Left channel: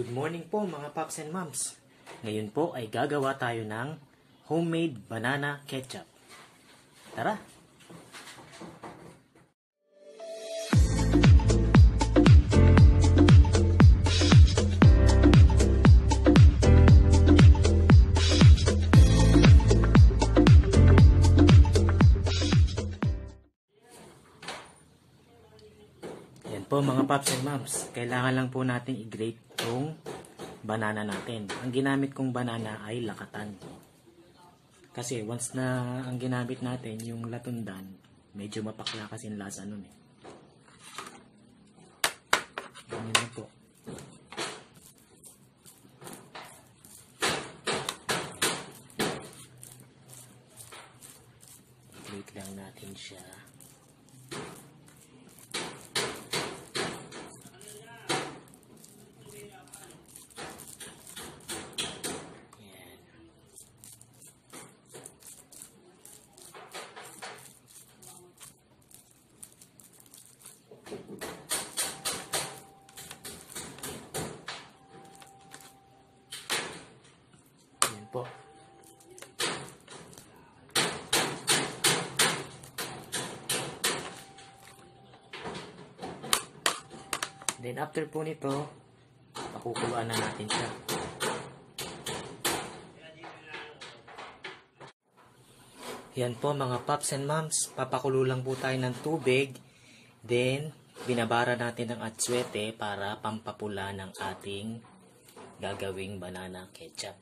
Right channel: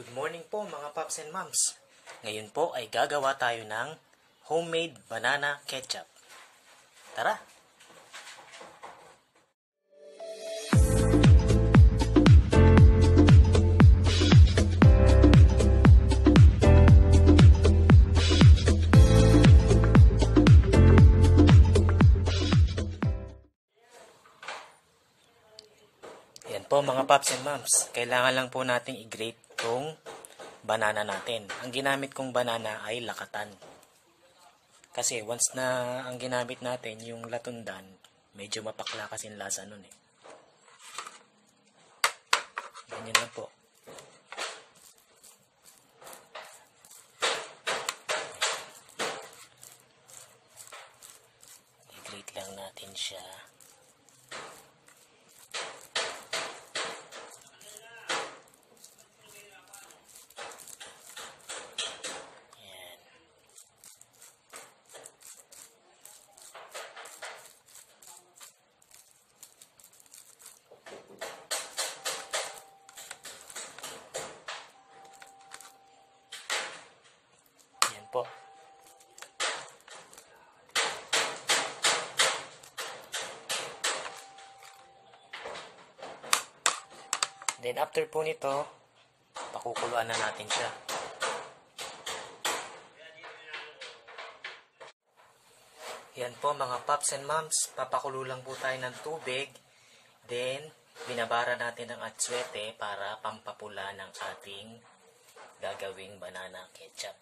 Good morning po mga paps and moms. Ngayon po ay gagawa tayo ng homemade banana ketchup. Tara! Yan po mga paps and moms. Kailangan lang po natin i-grate tong banana natin. Ang ginamit kong banana ay lakatan. Kasi once na ang ginamit natin yung latundan, medyo mapakla kasi yung lasa nun eh. Ganyan lang po. I-grate lang natin siya. Po. Then after po nito, pakukuluan na natin siya. Yan po mga paps and moms, papakulo lang po tayo ng tubig. Then binabara natin ng atswete para pampapula ng ating gagawing banana ketchup.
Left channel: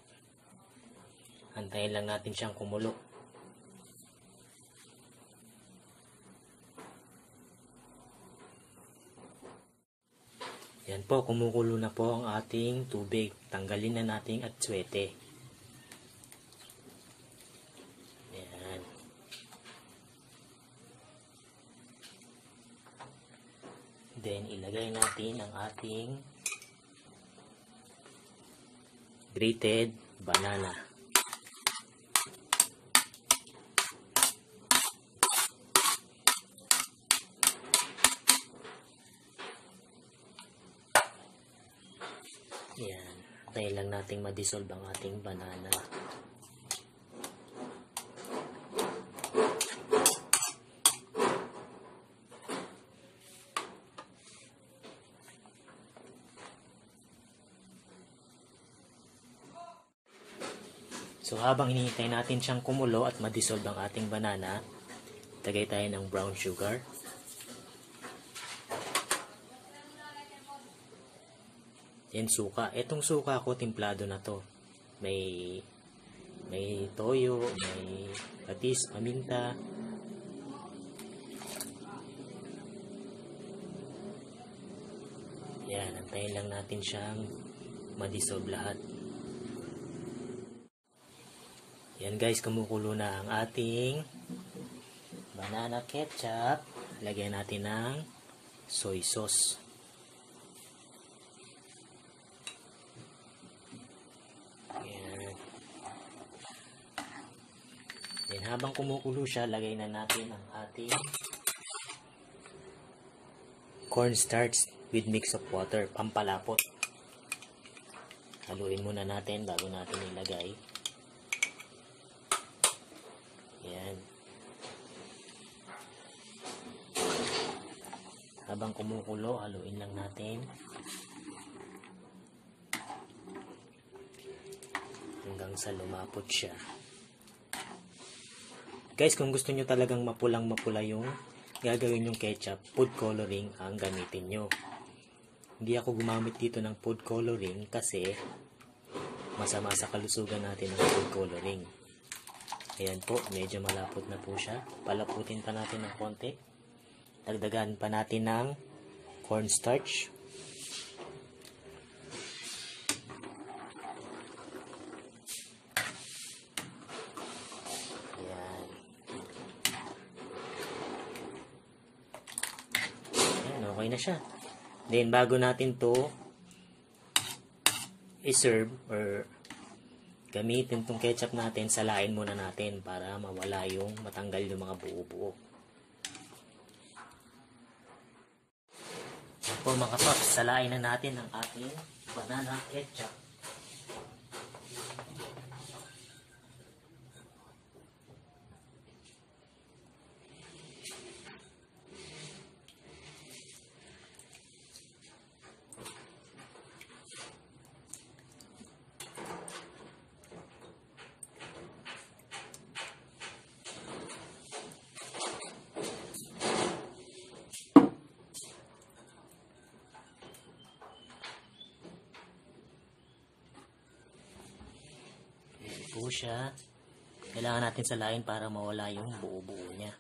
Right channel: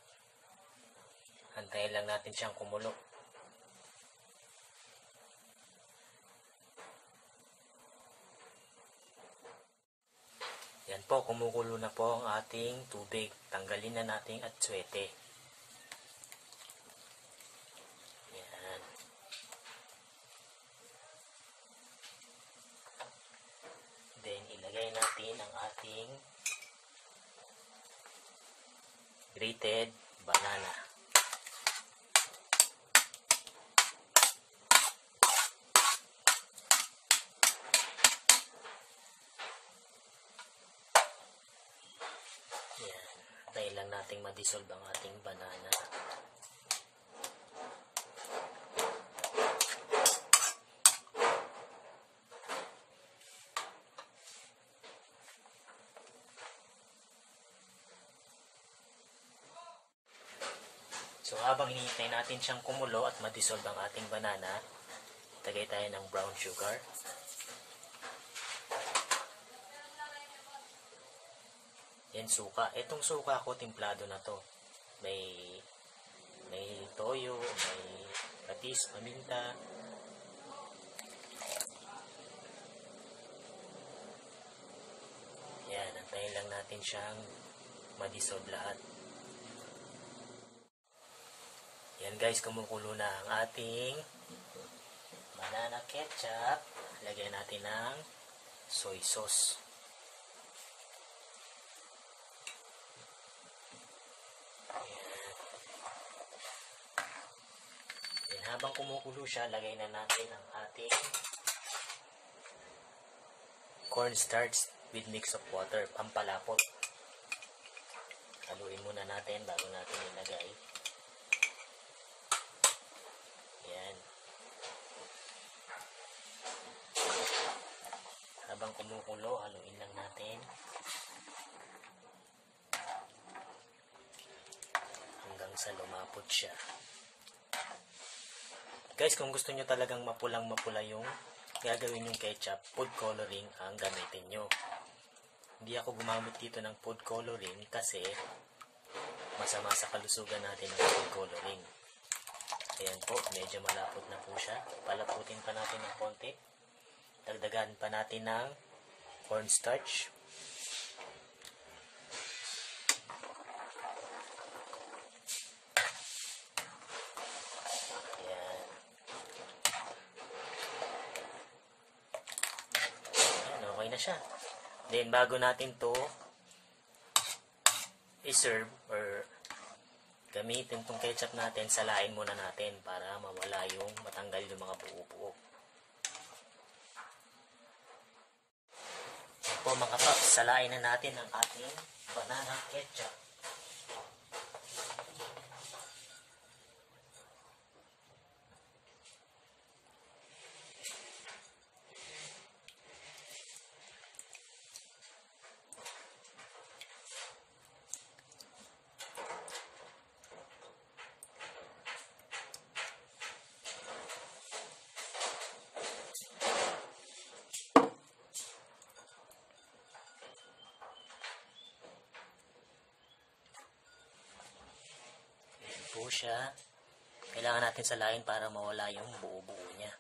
Antayin lang natin siyang kumulo. Yan po, kumukulo na po ang ating tubig. Tanggalin na natin atswete. Yan. Then, ilagay natin ang ating grated banana. Yan. Dahil lang nating ma-dissolve ang ating banana. So habang hinihintay natin siyang kumulo at ma-dissolve ang ating banana, tagay tayo ng brown sugar. Yan suka. Itong suka ko, timplado na to. May toyo, may patis, paminta. Yan, antayin lang natin siyang ma-dissolve lahat. Yan guys, kumukulo na ang ating banana ketchup. Lagyan natin ng soy sauce. Then, habang kumukulo siya, lagay na natin ang ating cornstarch with mix of water, pampalapot. Haluin muna natin bago natin ilagay. Yan. Habang kumukulo, haluin lang natin hanggang sa lumapot siya. Guys, kung gusto nyo talagang mapulang-mapula yung gagawin yung ketchup, food coloring ang gamitin nyo. Hindi ako gumamit dito ng food coloring kasi masama sa kalusugan natin ng food coloring. Ayan po, medyo malapot na po siya. Palaputin pa natin ng konti. Dagdagan pa natin ng cornstarch. Okay na siya. Then, bago natin to i-serve or gamitin tong ketchup natin, salain muna natin para mawala yung matanggal yung mga buo-buo. Yan po po mga paps, salain na natin ang ating banana ketchup. Po siya. Kailangan natin salain para mawala yung buo-buo niya.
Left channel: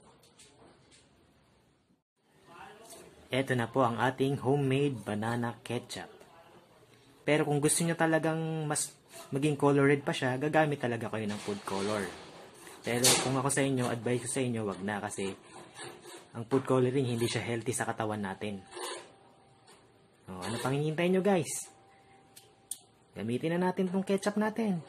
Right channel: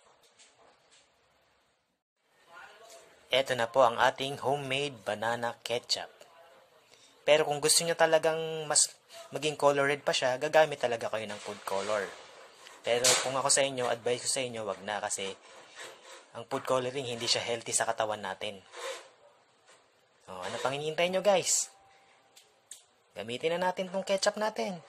Ito na po ang ating homemade banana ketchup. Pero kung gusto niyo talagang mas maging color red pa siya, gagamit talaga kayo ng food color. Pero kung ako sa inyo, advice ko sa inyo, wag na kasi ang food coloring hindi siya healthy sa katawan natin. Ano pang hinihintay nyo guys? Gamitin na natin tong ketchup natin.